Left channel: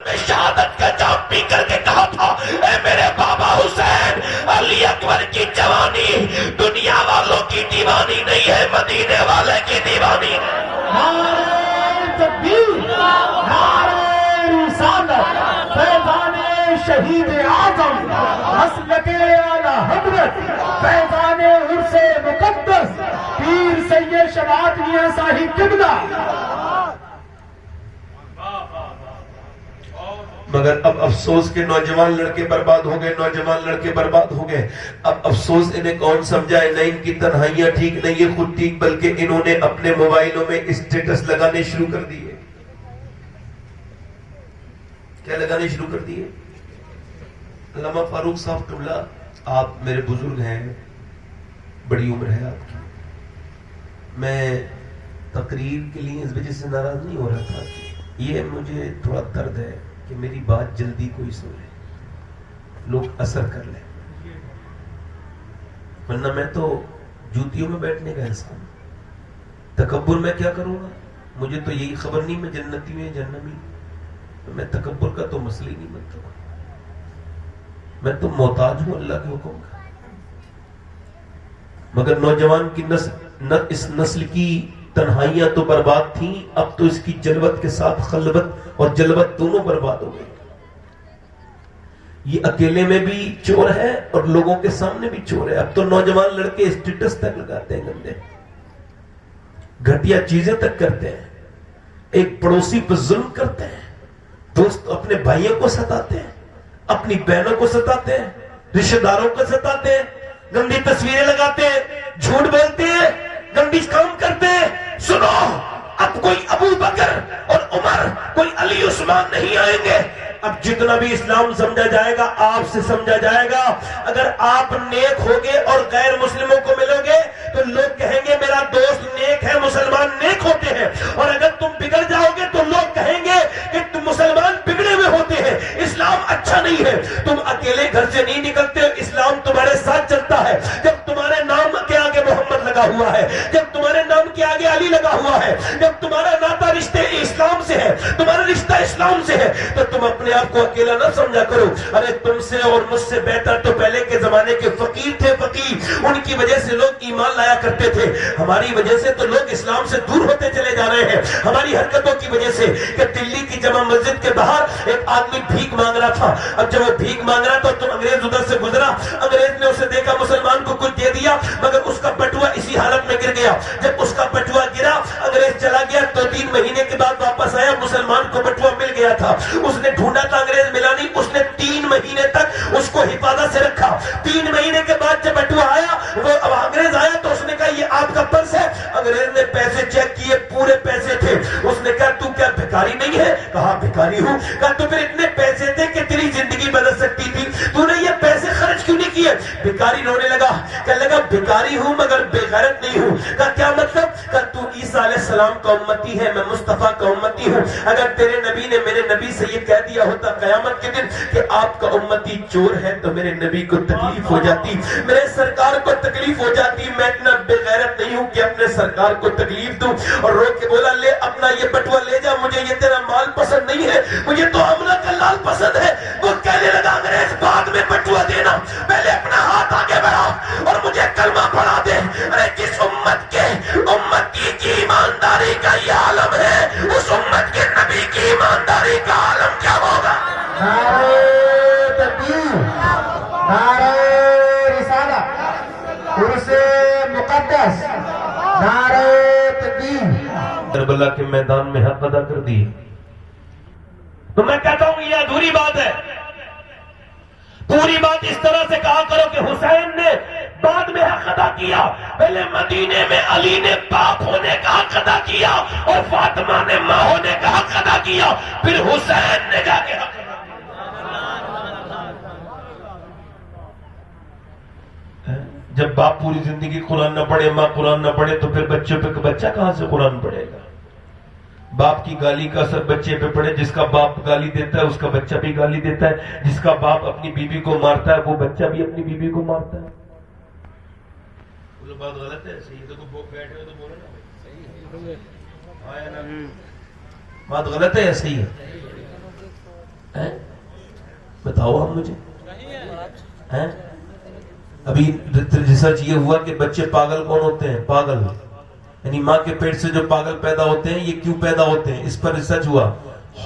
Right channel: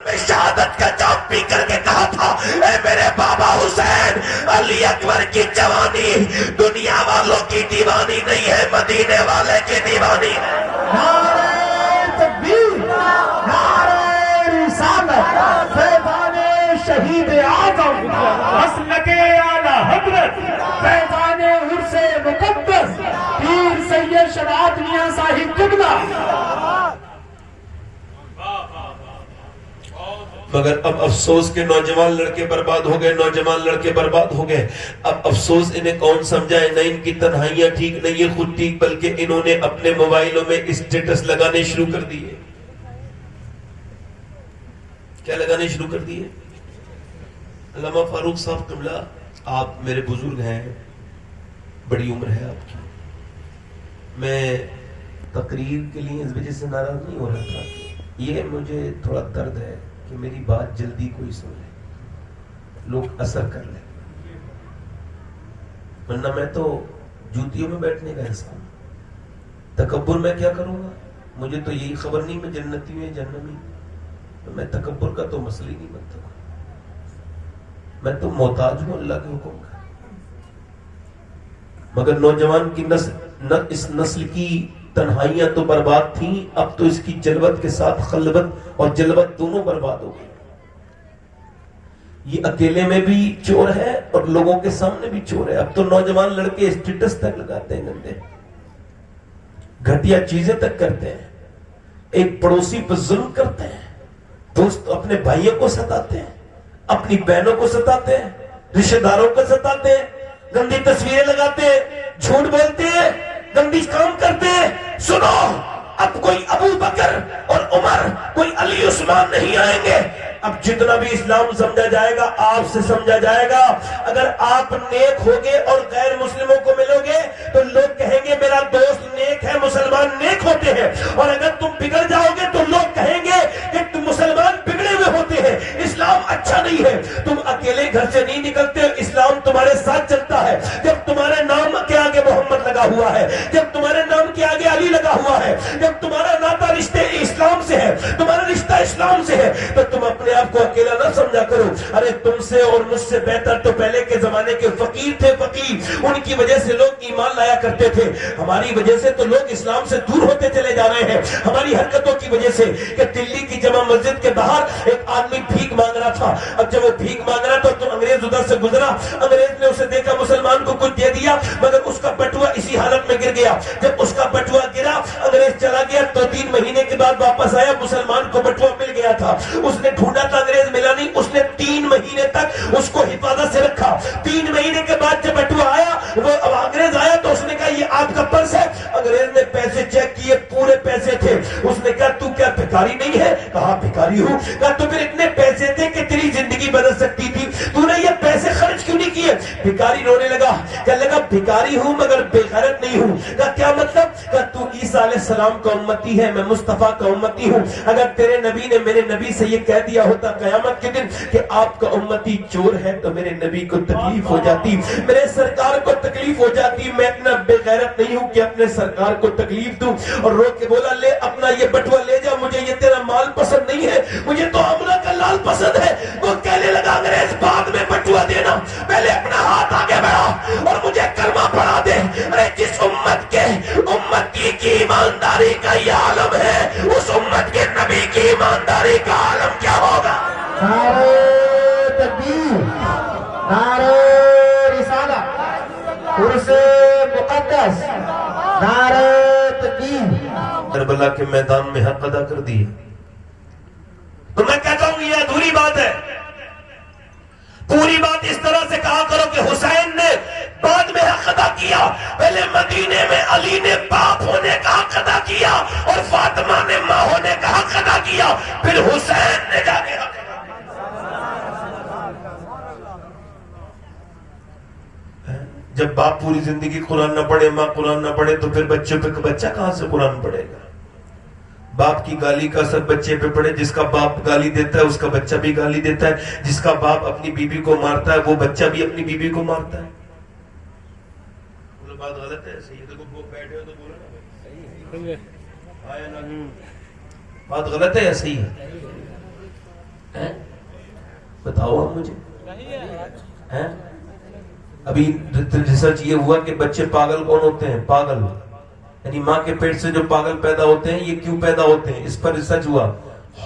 شہادت کا جام پی کر کے کہا تھا اے میرے بابا حسین، علی اکبر کی جوانی دنیا والوں کی دیوانی نہیں ہے، مدینے والے کی دیوانی ہے۔ نعرہ تکبیر، نعرہ رسالت، فیضان شہید اعظم، مسلک اعلی حضرت، فیضان عرس مقدس، پیر سید شباب میاں صاحب قبلہ۔ مگر اب افسوس کے نوجوان لڑکے برباد ہو گئے، نوجوان لڑکے برباد ہو گئے۔ اب افسوس انہیں کون سمجھائے؟ نہ ان کی تنہائیاں ٹھیک، نہ یہ خود ٹھیک، بلکہ انہوں نے اپنے موبائلوں میں اسٹیٹس لگانے شروع کر دیے۔ کیا لگانے شروع کر دیے؟ علامہ فاروق صاحب قبلہ، آپ میرے بزرگ ہیں، بڑی عمر ہے آپ کی، میں تقریر کے لیے اس وجہ سے ناراض نہیں ہو رہا تھا، یہ مجھے تھوڑا درد ہے کہ میری بات جلدی کوئی سنے، لوگ اثر کر لیں، ورنہ میں تو جوتیوں میں بیٹھنے کا انسان، تکبر میں کیا کروں گا؟ مجھے تو یہی خبر نہیں میں جنتی ہوں یا جہنمی، میں تکبر کا تو مسئلہ ہی نہیں بنتا، میں تو محتاج ہوں اللہ کے حکم کا۔ مگر نوجوان کی اس نسل کی تنہائیاں تو برباد تھیں، اب تو اس کی جلوت کے ساتھ خلوت اور جلوت دونوں برباد ہو گئی۔ یہ اکیلے میں بھی چور ہے اور لوگوں کے سامنے بھی چور ہے۔ اب تو نوجوان لڑکے اسٹیٹس تک لگاتے ہیں، گندے گھٹیا چیزیں تک کرتے ہیں، ایک پڑوسی پر ظلم کرتے ہیں، دوست اپنے بھائیوں کو ستاتے ہیں، اپنی بہنوں کو ستاتے ہیں، رشتہ داروں کو ستاتے ہیں، گندی تصویریں لگاتے ہیں، جھوٹ بولتے ہیں، گندی کام کرتے ہیں۔ سنو، اب کوئی ابو بکر اور عمر، کوئی علی عثمان نہیں آئیں گے۔ اب جتنا بھی اسلام سمجھا جائے گا آپ سے سمجھا جائے گا۔ اگر آپ نیک ہوگے اور غیر مسلموں کو ملو گے تو لوگ کہیں گے میرا دوست نیک ہے، مسلمان نیک ہوتے ہیں، اور اگر تم بگڑ جاؤ گے تو لوگ کہیں گے کہ تم مسلمان بگڑے ہوئے ہوتے ہیں، اسلام اچھا نہیں ہے۔ تم اکیلے گھر سے نہیں نکلتے ہو، اسلام تمہارے ساتھ چلتا ہے۔ جب تمہارے نام کے آگے محمد لگا ہوا ہے، جب تمہارے نام کے آگے علی لگا ہوا ہے، جب تمہارا ناطہ رشتے اسلام سے ہے، تمہارا رشتہ اسلام سے ہے، تو تم اپنے آپ کو اکیلا نہ سمجھا کرو۔ ارے تم سے اور مجھ سے بہتر تو پہلے کے زمانے کے فقیر تھے، فقیر، ان کی وجہ سے لوگ ایمان لایا کرتے تھے۔ ہماری وجہ سے تو لوگ اسلام سے دور ہوتے چلے جا رہے ہیں، ہماری حرکتوں کی وجہ سے۔ کہ دلی کی جامع مسجد کے باہر ایک آدمی بھیک مانگ رہا تھا، اب جب وہ بھیک مانگ رہا تھا تو انگریز ادھر سے گزرا، انگریز نے اسے دیکھا، مسلمان کو کچھ دے دیا، مگر اس کا بٹوا اسی حالت میں گر گیا۔ جب اس کا بٹوا گرا، انگریز چلا گیا، 2-3 مہینے کے بعد واپس آیا، مسلمان کو بٹوا مل گیا تھا۔ اس نے ڈھونڈا تھا، انگریز ملا نہیں، اس نے 3 مہینے تک اس کو حفاظت سے رکھا۔ 3 مہینے کے بعد جب بٹوا آیا، وہ اب انگریز آیا تو اس نے کہا یہ آپ کا پرس ہے۔ انگریز نے پیسے چیک کیے، پورے پیسے تھے۔ اس نے کہا تو کیا بھکاری نہیں ہے؟ کہا بھکاری ہوں۔ کہا تو پھر اتنے پیسے تھے کہ تیری زندگی بدل سکتی تھی، تو نے یہ پیسے خرچ کیوں نہیں کیے؟ بھکاری رونے لگا، کہنے لگا بھکاری ہوں مگر بے غیرت نہیں ہوں۔ کہا کیا مطلب؟ کہا تو عیسیٰ علیہ السلام کا امتی ہے، میں مصطفیٰ کا امتی ہوں۔ اگر تیرے نبی نے میرے نبی سے یہ کہہ دیا ہوتا قیامت کے دن کہ آپ کا امتی چور ہے تو میرے نبی کو تکلیف ہو جاتی، میرے سرکار کو تکلیف ہو جاتی۔ میں اتنا بے غیرت نہیں ہوں کہ اپنے سرکار کو تکلیف دوں۔ اور رو کے بولا لے اپنا یہ بٹوا لے جا، مجھے یہ تیرا مال پسند نہیں ہے، مجھے تو عملہ کا لال پسند ہے۔ وہ کہنے لگا انگریز بعد میں بٹوا دینا، پہلے اپنا ہاتھ آگے بڑھا اور مجھے کلمہ پڑھا دے۔ ارے جس امت کے امتی کی ایمانداری کا یہ عالم ہے، اس امت کے نبی کی ایمانداری کا عالم کیا ہوگا؟ نعرہ تکبیر، نعرہ رسالت، عرس مقدس، نعرہ تکبیر۔ کربلا کے میدان میں حق ادا کر دی تو میں کہتا ہوں یہ ادھوری بات ہے۔ پوری بات اس طرح سے کہا کرو کہ حسین نے بعد میں حق ادا کیا، پہلے مدینے میں علی نے باپ ہونے کا حق ادا کیا اور فاطمہ نے ماں ہونے کا حق ادا کیا، پھر حسین نے جا کے حق ادا کیا۔ جب باپ پوری زندگی قرآن نہ پڑھے، ماں قرآن نہ پڑھے، تو پھر بچوں پہ بچہ کہاں سے قرآن پڑھے گا؟ باپ کی گالی کا اثر بچے پہ پڑے، جس کا باپ گالی دیتا ہے اس کا بچہ بھی گالی دیتا ہے، جس کا باپ اپنی بیوی کو مارتا ہے وہ بچہ بھی اپنی بیوی کو مارتا ہے۔ بات غلط ہے، صحیح ہے، بیٹھے ہوئے تو بولو نا، بات غلط ہے یا صحیح ہے؟ بتاؤ آپ مجھے. ابھی ریسرچ یہ ہوا کہ بچے پاگل کون ہوتے ہیں؟ پاگل یعنی ماں کے پیٹ سے جو پاگل پیدا ہوتے ہیں یہ کیوں پیدا ہوتے ہیں؟ اس پر ریسرچ ہوا.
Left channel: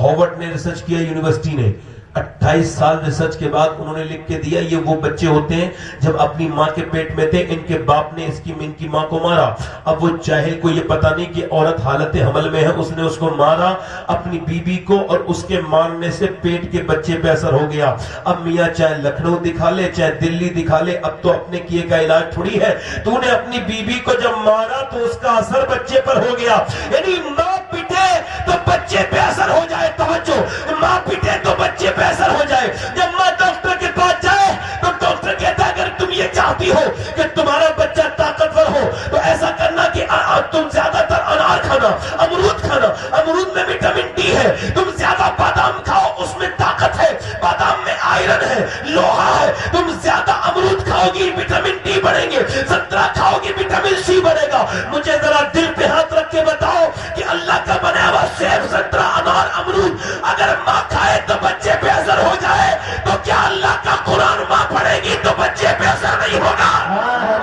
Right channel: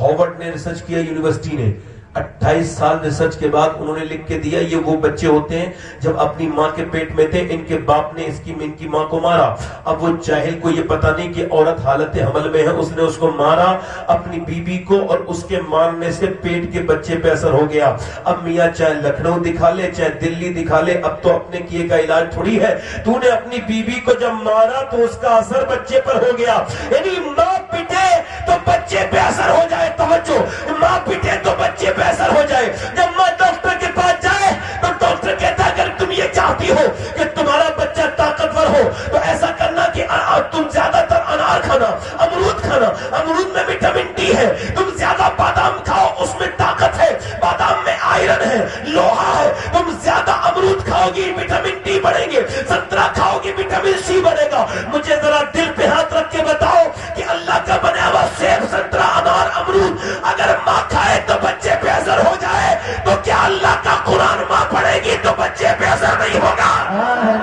ہارورڈ نے ریسرچ کیا، یونیورسٹی نے. 28 سال ریسرچ کے بعد انہوں نے لکھ کے دیا یہ وہ بچے ہوتے ہیں جب اپنی ماں کے پیٹ میں تھے ان کے باپ نے ان کی ماں کو مارا. اب وہ جاہل کو یہ پتا نہیں کہ عورت حالت حمل میں ہے، اس نے اس کو مارا اپنی بیوی کو، اور اس کے مارنے سے پیٹ کے بچے پہ اثر ہو گیا. اب میاں چاہے لکھنؤ دکھا لے چاہے دلی دکھا لے، اب تو اپنے کیے کا علاج تھوڑی ہے. تو نے اپنی بیوی کو جب مارا تو اس کا اثر بچے پر ہو گیا. یعنی ماں پیٹے تو بچے پہ اثر ہو جائے. توجہ، ماں پیٹے تو بچے پہ اثر ہو جائے. جب ماں ڈاکٹر کے پاس جائے تو ڈاکٹر کہتا ہے اگر تم یہ چاہتی ہو کہ تمہارا بچہ طاقتور ہو تو ایسا کرنا کہ تم زیادہ تر انار کھانا، امرود کھانا، امرود میں وٹامن ڈی ہے. تم زیادہ بادام کھاؤ، اس میں طاقت ہے، بادام میں آئرن ہے، لوہا ہے. تم زیادہ امرود کھاؤ گی وٹامن ڈی بڑھیں گے، سنترا کھاؤ گی وٹامن سی بڑھے گا. مجھے ذرا دل پہ ہاتھ رکھ کے بتاؤ کہ اللہ کا بنایا ہوا سیب، سنترا، انار، امرود اگر ماں کھائے تو بچے پہ اثر ہو جائے تو کیا اللہ کا قرآن ماں پڑھے گی تو بچے پہ اثر نہیں ہوگا؟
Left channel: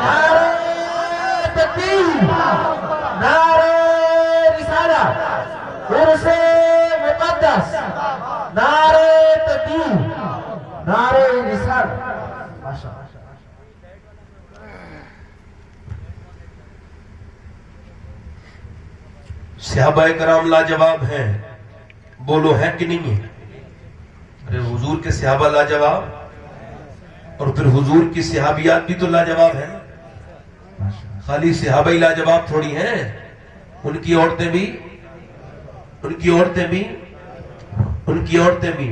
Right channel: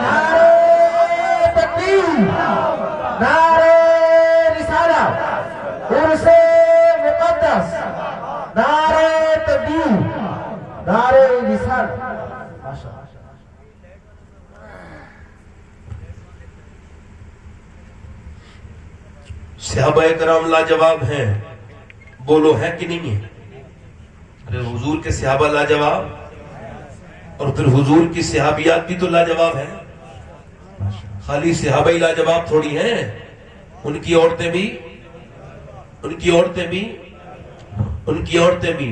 نعرہ تکبیر، نعرہ رسالہ، عرس مقدس، نعرہ تکبیر، نعرہ رسالہ. صحابہ کرام لاجواب ہیں، بولو ہے کہ نہیں ہے؟ ارے حضور کے صحابہ لاجواب، اور پھر حضور کی صحابیات بھی تو لاجواب ہیں. خالی صحابہ ہی لاجواب تھوڑی ہیں، ان کی عورتیں بھی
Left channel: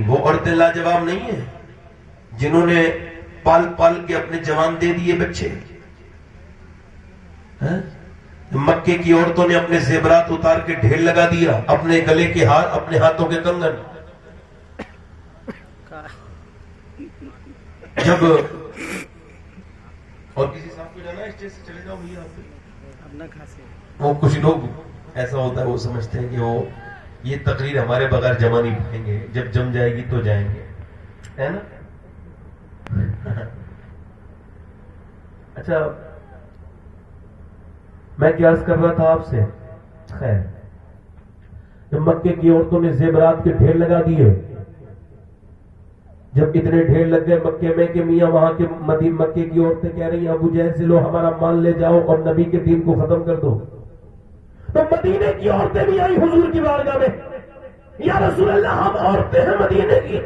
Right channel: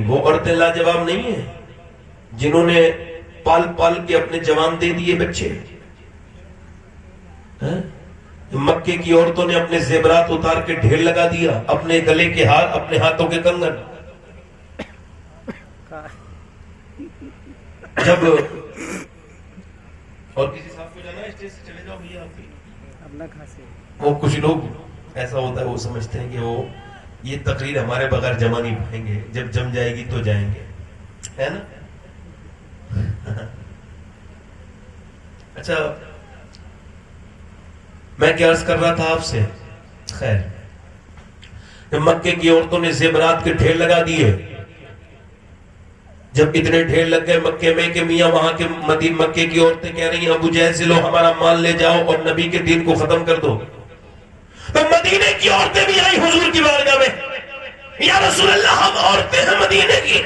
وہ عورتیں لاجواب نہیں ہیں جنہوں نے پال پال کے اپنے جوان دے دیے بچے. مکے کی عورتوں نے اپنے زیورات اتار کے ڈھیر لگا دیا، اپنے گلے کے ہار، اپنے ہاتھوں کے کنگن. جب اور کسی صاحب کو جانا اسٹیج سے چلے جاؤ بھیا، آپ بھی اپنا کھاسے. وہ کچھ لوگ ایسا ہوتا ہے وہ سمجھتے ہیں کہ وہ یہ تقریر ہمارے بغیر جمع نہیں پائیں گے، جب جم جائے گی تو جائیں گے، ہے نا. اچھا، میں کیا عرض کر رہا تھا آپ سے؟ خیر، جب مکے کی عورتوں نے زیورات کے ڈھیر لگا دیے، جب اتنے ڈھیر لگ گئے مکے میں کہ میاں وہاں کے مکے کی عورتیں کہہ رہی ہیں ابو جہل سے لو ہمارا مال لے جاؤ اور نبی کے دین کو ختم کر دو. تو مدینے کی عورتیں بھی آئی حضور کی بارگاہ میں، یا رسول اللہ ہم عورتیں ہیں مدینے کی،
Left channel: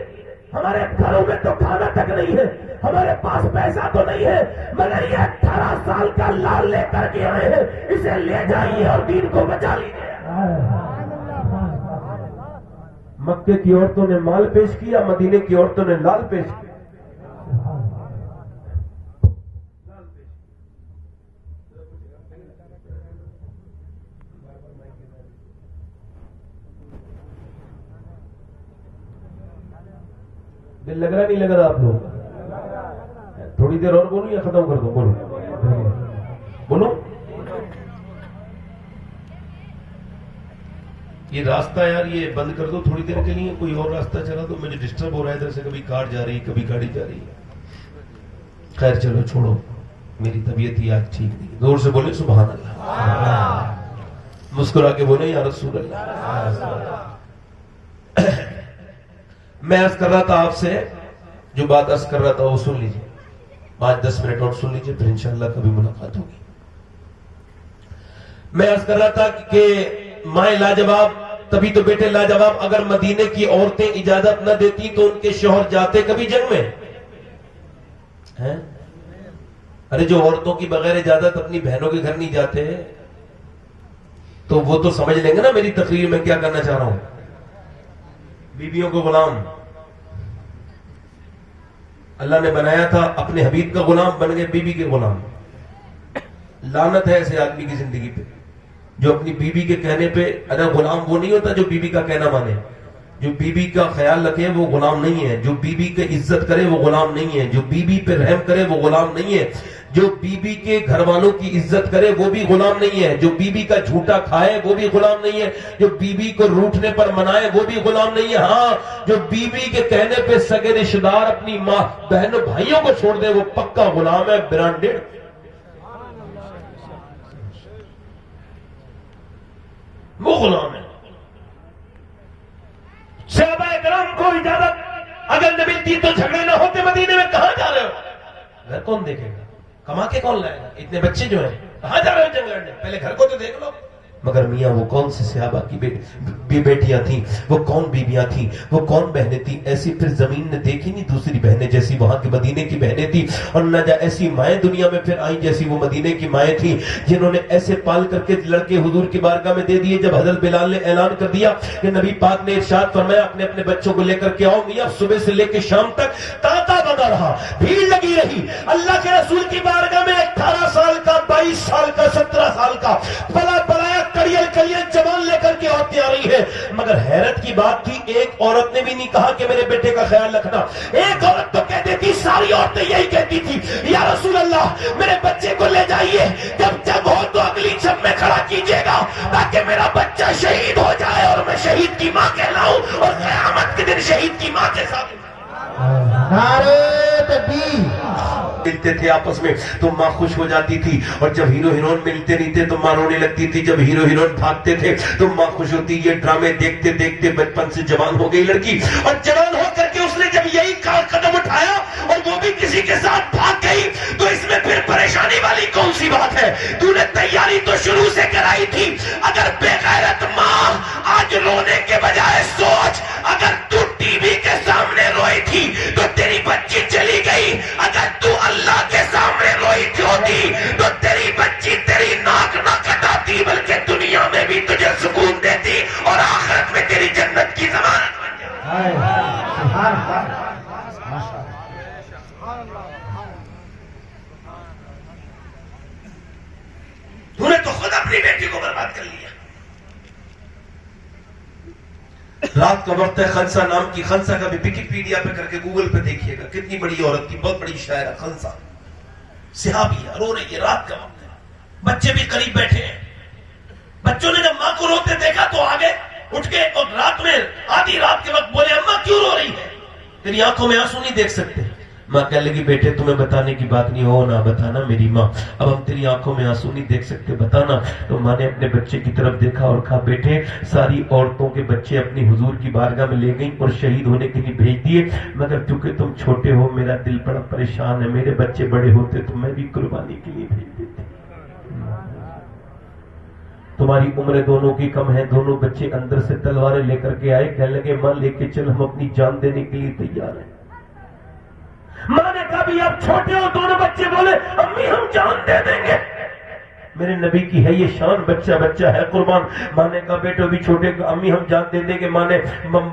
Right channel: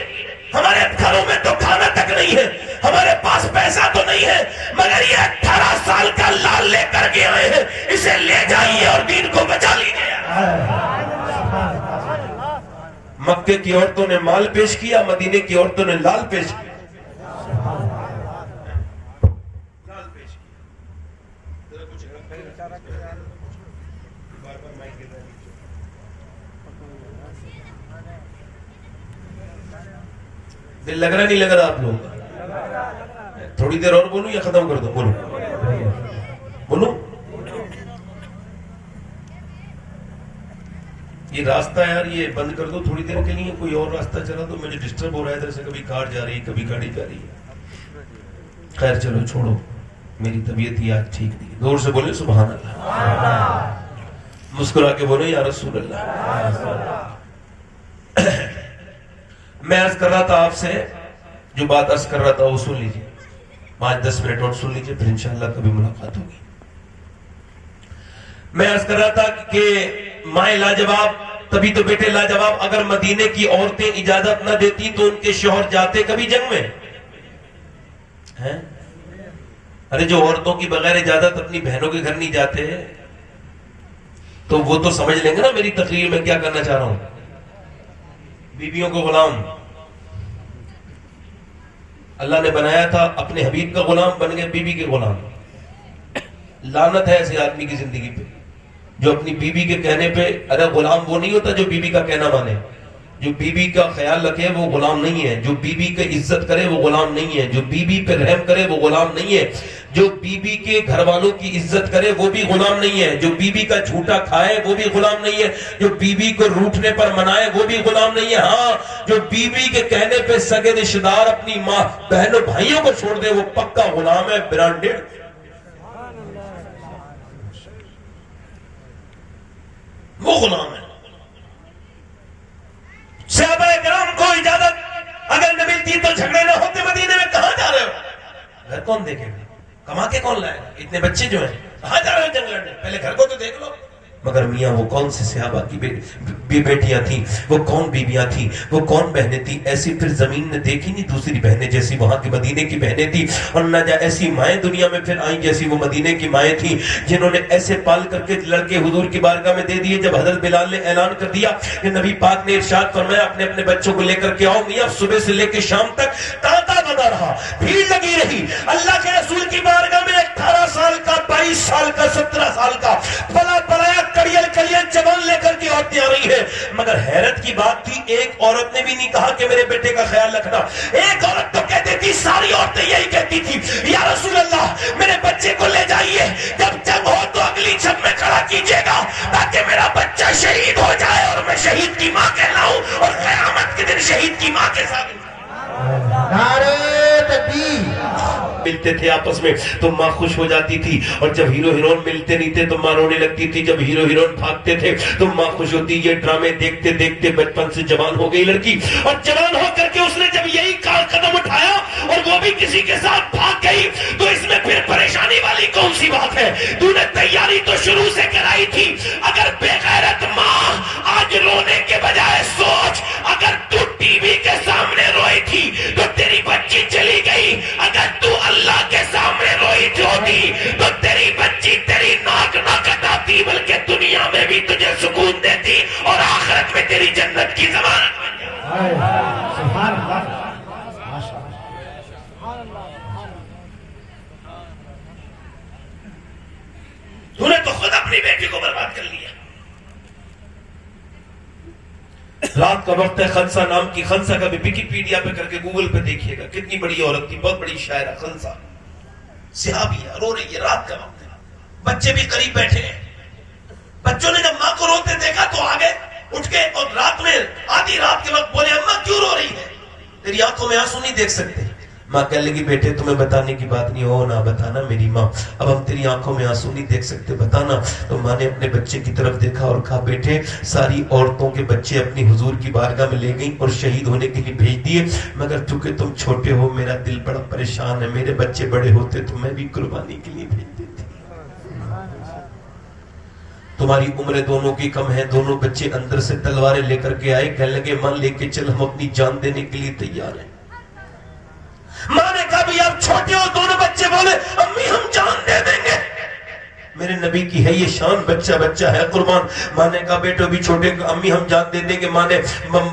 ہمارے گھروں میں تو کھانا تک نہیں ہے، ہمارے پاس پیسہ تو نہیں ہے، مگر یہ 18 سال کا لال لے کر کے آئے ہیں، اسے لے جائیے اور دین کو بچا لیجیے. مکے کی عورتوں نے مال پیش کیا، مدینے کی عورتوں نے لال پیش کیا. دل لگ رہا نہیں لگ رہا آپ لوگ کا؟ تھوڑی دیر اور بولو یا ختم کر دو؟ بولو بولو. یہ راستہ یار یہ بند کر دو تھوڑی دیر کے لیے، کوئی اور راستہ چلا تو میری ڈسٹرب ہو رہا ہے ادھر سے، کبھی کار جا رہی ہے کبھی گاڑی جا رہی ہے. خیر چلو چھوڑو، میری طبیعت ہی آج ٹھیک نہیں. زور سے بولے سبحان اللہ، مسکرا کے بولے یا رسول اللہ. میں عرض کر رہا تھا آپ سے، جو بات عرض کر رہا تھا وہ سن لیجیے، 5-10 منٹ اور سن لیجیے، پھر انشاءاللہ کبھی ملاقات ہوگی. میں عرض کر رہا تھا کہ مائیں لاجواب تبھی تو بیٹے لاجواب. اگر مدینے کی عورتیں اجازت نہ دیتی تو ان کے شوہر جاتے کبھی جنگ میں؟ ارے جو عورتوں کی بغیر اجازت اپنی بہنوں کے گھر نہیں جاتے تو وہ تو سمجھ لیں گے نا میری تقریر میں کیا کرنا چاہ رہا ہوں. بیویوں کو غلام اللہ نے بنایا تھا، اپنے حبیب کا غلام بن گئے بیوی کے غلام. لعنت ہے ایسے آدمی کی زندگی پہ جو اپنی بیوی کے کہنے پہ، ارے غلام وہ نہیں ہوتا جو بیوی کا کہنا مانے، جو بیوی کا خیال رکھے وہ غلام نہیں ہے، جو بیوی کی عزت کرے وہ غلام نہیں ہے، جو بیوی پہ رحم کرے وہ غلام نہیں ہے. جو بیوی کے گھر والوں کی عزت کرے وہ بھی غلام نہیں ہے، جو بیوی کا جھوٹا کھائے وہ بھی غلام نہیں ہے، جو بیوی کو روٹھنے پر منائے وہ بھی غلام نہیں ہے۔ ہاں، جو بیوی کے کہنے پہ سگے رشتہ دار اپنی ماں بہنوں بھائیوں کو چھوڑ دے وہ پکا غلام ہے، برانڈیڈ۔ وہ غلام ہے۔ صحابہ کرام کو اجازت اگر نہ ملتی تو جھگڑے نہ ہوتے، مدینے میں کہاں جا رہے ہو؟ گھر کون دیکھے گا؟ کما کے کون لائے گا؟ اتنے بچے جو ہیں کہاں جا رہے ہو جنگ لڑنے؟ پہلے گھر کو تو دیکھ لو۔ مگر میاں وہ کون سی صحابہ کی بیٹیاں تھیں، وہ کون بیویاں تھیں، وہ کون بہنیں تھیں؟ ایسی پھر زمین نے دیکھی نہیں دوسری بہنیں جیسی وہاں کی مدینے کی بہنیں تھیں، اور نہ جا ایسی مائیں دنیا میں پھر آئیں جیسی وہ مدینے کی مائیں تھیں، جنہوں نے ایسے پال کر کے لڑکے حضور کی بارگاہ میں دے دیے۔ جب حضرت بلال نے اعلان کر دیا کہ نبی پاک نے ارشاد فرمایا اپنے اپنے بچوں کو لے کر کے آؤ، میاں صبح سے لے کے شام تک تانتا بنا رہا، بھیڑ لگی رہی۔ اللہ کے رسول کی بارگاہ میں 18 سال کا، 22 سال کا، 17 سال کا پلا پلایا کڑیل کڑیل جوان لے کر کے عورتیں آ رہی ہے۔ مگر حیرت کی بات تھی ایک عورت نے بھی نہیں کہا کہ میرے بیٹے کا خیال رکھنا۔ ایک عورت تو کہتی تھی، ساری عورتیں یہی کہتی تھی، یا رسول اللہ میرے بچے کو لے جائیے، جب جنگ ہو تو اگلی جنگ میں کھڑا کیجیے گا تاکہ میرا بچہ شہید ہو جائے اور میں شہید کی ماں کہلاؤں اور قیامت کے دن شہید کی ماں کے ساتھ۔ نعرہ تکبیر۔ ملتے تھے آپس میں تو ماں خوش ہو جاتی تھی، اور جب ہیرو ہیرون ملتے نہیں تھے تو ماں رونے لگتی تھی، جب ہیرو ہیرون بھاگتے تھے تو ماں خوش ہوتی۔ یہ ڈرامے دیکھتے دیکھتے بچپن سے جوان ہو گئی لڑکی، اور جوان ہو کر کے اس نے جب یہی قدم اٹھایا اور وہ بھی کسی کے ساتھ بھاگ گئی تو اس میں پھر پریشانی والی کون سی بات ہے؟ تو نے تیاری تو شروع سے کرائی تھی۔ اگر بے غیرت ماں آج رونے کے بجائے سوچ، اگر تو ٹی وی کے سامنے روئی تھی تو تیری بچی چلی گئی، اگر تو اللہ کے سامنے روئی ہوتی تو تیری بچی تیری ناک نہ کٹاتی بلکہ دنیا میں بھی تجھے سکون دیتی اور آخرت میں تیری جنت کی ضمانت بن جاتی۔ تو نے تو خود اپنی بیٹی کو برباد کر لیا۔ رات کا وقت ہے، خنسہ نام کی، خنسہ کا بھی ویکیپیڈیا پہ کر کے گوگل پہ دیکھیے گا، کتنی بڑی عورت تھی، بہت بڑی شاعرہ خنسہ، صحابی ہے، رو رہی ہے، رات کا وقت ہے، بچے بھی قریب بیٹھے ہیں۔ بچوں نے جب ماں کو روتے دیکھا تو آگے اٹھ کے اور رات میں آدھی رات کے وقت بولے اماں کیوں رو رہی ہے؟ تیری آنکھوں میں آنسو نہیں دیکھ سکتے۔ ماں کہنے لگی بیٹے تمہیں بتانے کی بات نہیں، ہو نہ بتانا میری ماں، اب ہم تیری آنکھوں میں آنسو نہیں دیکھ سکتے، بتانا۔ تو ماں نے اپنے بچے کی طرف دیکھا اور کہا بیٹے ساری عورتوں کے بچے اپنی حضور کی بارگاہ میں لے گئیں اور شہید ہونے کے لیے بھیج دیے، مگر چونکہ تم چھوٹے ہو میرا دل بڑا پریشان ہے، میرے بچے بڑے ہوتے تو میں بھی قربانی کے لیے بھیج دیتی۔ تمہاری عمریں دونوں کی کم ہیں، دونوں بچے اندر سے تلواریں لے کر کے آئے، کہنے لگے ماں لے کے چل، ہم اپنی جان دینے کے لیے تیار ہیں۔ ماں نے کہا بھی آپ چھوٹے ہو، دونوں بچے بولے امی ہم جان دے دیں گے۔ میرے نبی کی ہے یہ شان، بچہ بچہ ہے قربان۔ ماں نے کہا بیٹے بھی چھوٹے، امی ہم جان دے دیں گے۔ ماں نے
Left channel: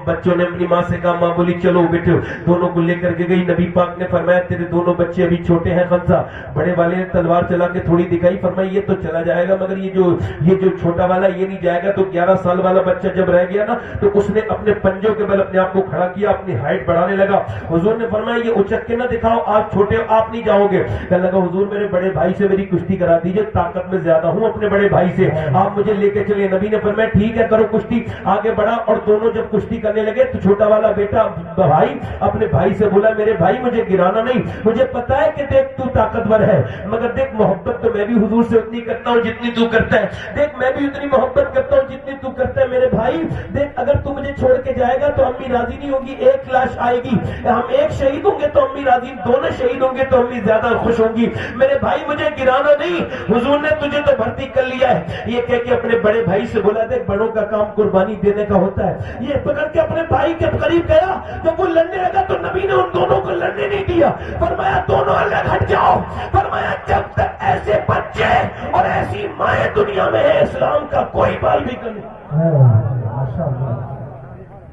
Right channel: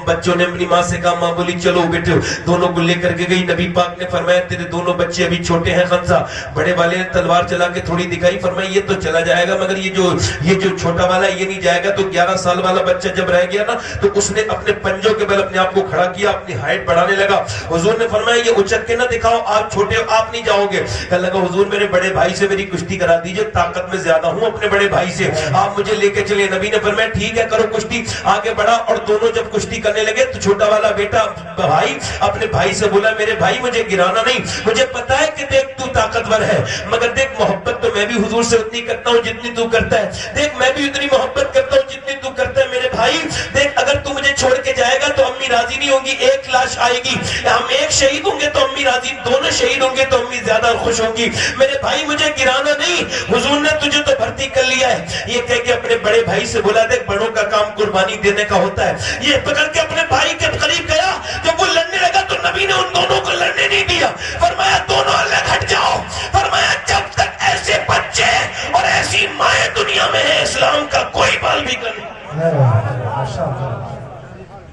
بچوں نے اپنی ماں سے کہا، ماں بولی چلو بیٹے، دونوں کو لے کر کے گئی۔ نبی پاک نے فرمایا تیرے دونوں بچے ابھی چھوٹے ہیں خنسہ۔ بڑے والے نے تلوار چلا کے تھوڑی دکھائی، فرمایا یہ تو چلا جائے گا مگر یہ جو چھوٹا والا یہ نہیں جائے گا۔ تو 11 سال والا بچہ جب رہ گیا نا تو اس نے اپنے پنجوں کے بل اپنے آپ کو کھڑا کیا، اپنی ہائٹ بڑھانے لگا۔ حضور نے فرمایا یہ اچک کے نہ دکھاؤ، آپ چھوٹے ہو آپ نہیں جاؤ گے۔ کہنے لگا حضور میرے بڑے بھائی سے میری کشتی کرا دیجئے، طاقت میں زیادہ ہوں اپنے بڑے بھائی سے، آپ مجھے لے کے چلے۔ نبی نے فرمایا ٹھیک ہے کرو کشتی۔ آگے بڑھا اور دونوں جب کشتی کرنے لگے تو چھوٹا والا بیٹا بھائی اپنے بھائی سے بولا میرے بھائی مجھے گرانا نہیں، مجھے پتا ہے کہ دیکھ تو طاقتور ہے مگر دیکھ محبت تو میں بھی حضور سے اتنی کرتا ہوں جتنی تو کرتا ہے، دیکھ میں بھی اتنی محبت کرتا ہوں جتنی تو کرتا ہے میرے بھائی۔ دیکھ اگر تو مجھے چھوڑ کے جائے گا تو امی راضی نہیں ہوں گی، ایک لاش آئے گی، ہم ایک شہید ہوں گے تو امی راضی، دونوں شہید ہوں گے تو امی زیادہ خوش ہوں گی، میرے بھائی مجھے گرانا نہیں، حضور نے تجھے تو بھرتی کر لیا ہے۔ یہ کہہ کے اپنے بڑے بھائی سے بولا دیکھ بڑوں کا کام قربانی دینے کا ہوتا ہے۔ یہ پکڑ کے اپنے بھائی کے قریب گیا، جب وہ لڑنے لگا تو نبی نے ان دونوں کو لڑنے نہیں دیا، فرمایا دونوں الگ ہٹ جاؤ، فرمایا جب تک ایسے بچے اور ایسی مائیں دنیا میں ہے اسلام کا کوئی بال بھی کر نہیں۔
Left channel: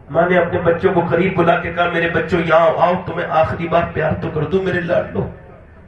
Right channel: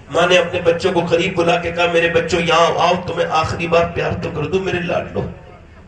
ماں نے اپنے بچوں کو قریب بلا کے کہا میرے بچوں یہاں آؤ، تمہیں آخری بار پیار تو کر دوں میرے لاڈلو۔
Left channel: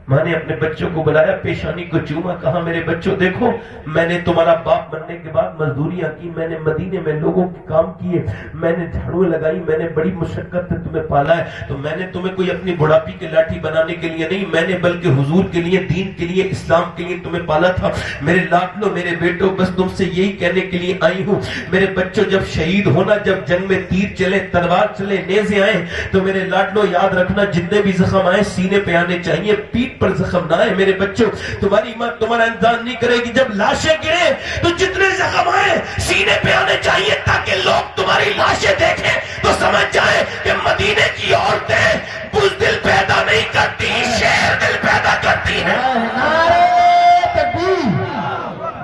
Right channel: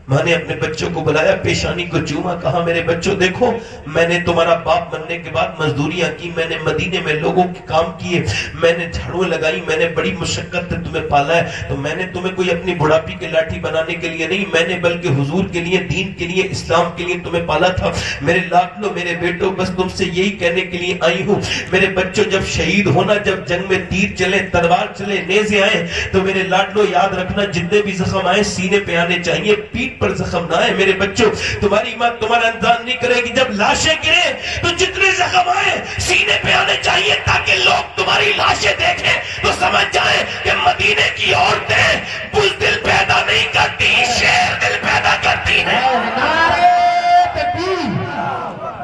ماں نے اپنے بچوں کو بلایا، پیشانی کو چوما، کہا میرے بچوں دیکھو، میں نے تمہارا باپ بننے کے بعد مزدوریاں کی، میں نے مدینے میں لوگوں کے کام کیے، میں نے جھاڑو لگائی، میں نے بڑی مشقت سے تمہیں پالا ہے، تو میں نے تمہیں کوئی اپنی بڑھاپی کے لاٹھی بنانے کے لیے نہیں، میں نے بلکہ حضور کے لیے، دین کے لیے، اسلام کے لیے تمہیں پالا تھا۔ میرے لاڈلو، میرے بیٹوں، بس تم سے یہی کہنے کے لیے آئی ہوں، میرے بچوں جب شہید ہونا، جب جنگ میں تیر چلے، تلوار چلے، نیزے آئیں، تو میرے لاڈلو یاد رکھنا جتنے بھی زخم آئے سینے پہ آنے چاہیے، پیٹ پر زخم نہ آئے۔ میرے بچوں تمہاری ماں تمہارا انتظام نہیں کرے گی، جب لاشیں گریں تو جتنے زخم آئے سینے پہ آنے چاہیے، تاکہ لوگ تمہاری لاشیں دیکھیں تو سمجھ جائیں کہ مدینے کی عورتیں بزدل پیدا نہیں کرتی، شیر دل پیدا کرتی ہیں۔ نعرہ تکبیر،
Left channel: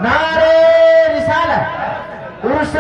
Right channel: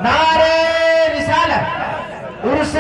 نعرہ رسالت، عرس